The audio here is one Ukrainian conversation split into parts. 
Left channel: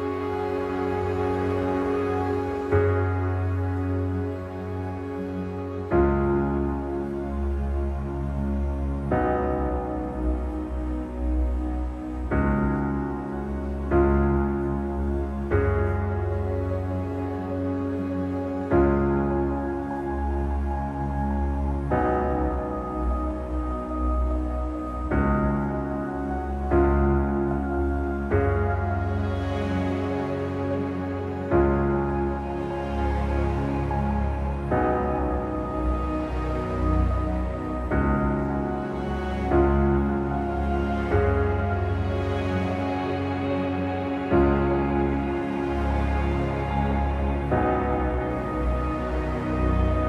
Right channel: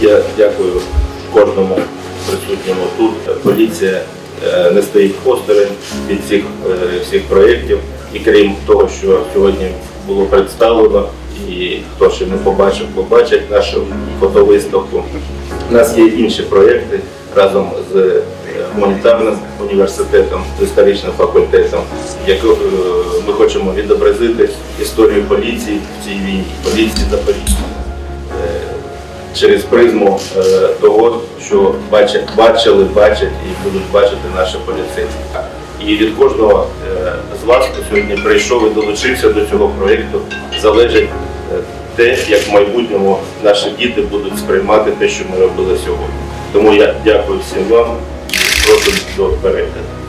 Я дякую кожному присутньому тут. Поліція е, не стоїть осторонь від цих е, всіх проєктів. І крім того, що сьогодні було представлено, і хто ще не побачив, побачить нашу фотовиставку. У нас є інші проєкти разом з е, гуманітарним університетом, з історичним факультетом, яку ми хочемо відобразити історію поліції в цій війні, поліції та поліції через призму е, того, що бачать, бачили, бачать і будуть бачити наші поліцейські. І від кожного е, з вас, хто сьогодні прийшов і долучився до цього проєкту, залежить е, те, як в майбутньому наші діти будуть сприймати те, що ми робили сьогодні. Тому я дякую всім вам і прошу до перегляду.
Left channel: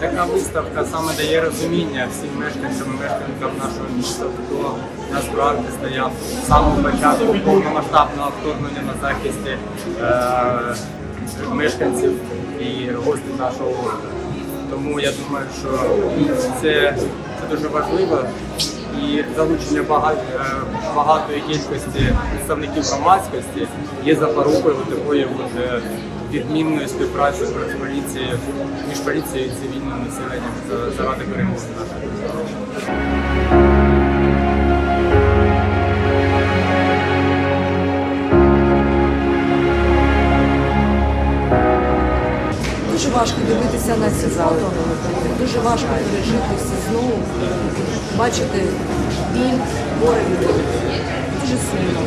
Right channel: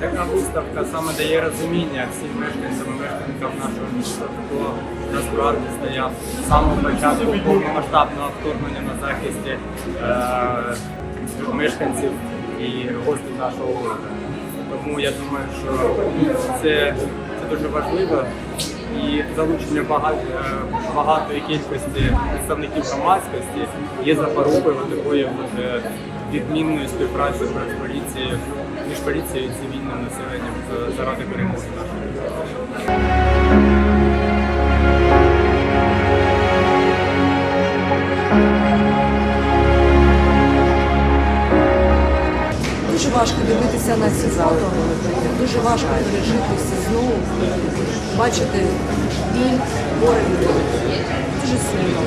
Така виставка саме дає розуміння всім мешканцям і мешканкам нашого міста, хто насправді стояв з самого початку повномасштабного вторгнення на захисті е, мешканців і гостей нашого міста. Тому я думаю, що це, це дуже важливо і залучення багато, багатої кількості представників громадськості є запорукою такої от, е, відмінної співпраці з поліцією між поліцією і цивільним населенням заради перемоги нашої держави. Важко дивитися на ці фото, дуже важко пережити все знову, бачити біль, горе. Дуже сумно,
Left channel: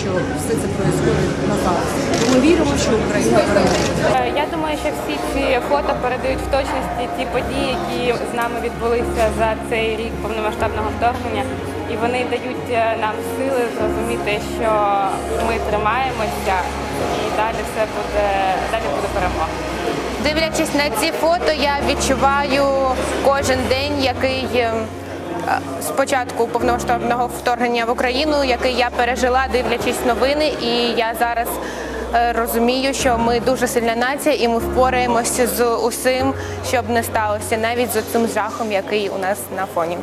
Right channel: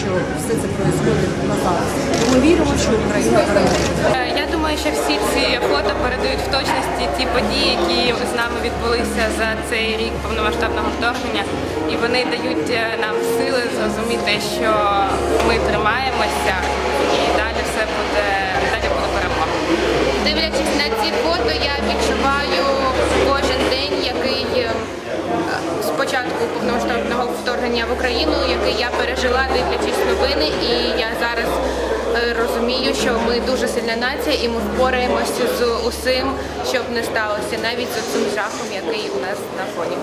що все це відбувається на зараз. Ми віримо, що Україна переможе. Е, Я думаю, що всі ці фото передають в точності ті події, які з нами відбулися за цей рік повномасштабного вторгнення, і вони дають е, нам сили зрозуміти, що ми тримаємося, Дивлячись на ці фото, я відчуваю кожен день, який е, з початку повномасштабного вторгнення в Україну, який я пережила, дивлячись новини, і я зараз е, розумію, що ми дуже сильна нація, і ми впораємося з усім, щоб не сталося, навіть з цим жахом, який у нас на фоні.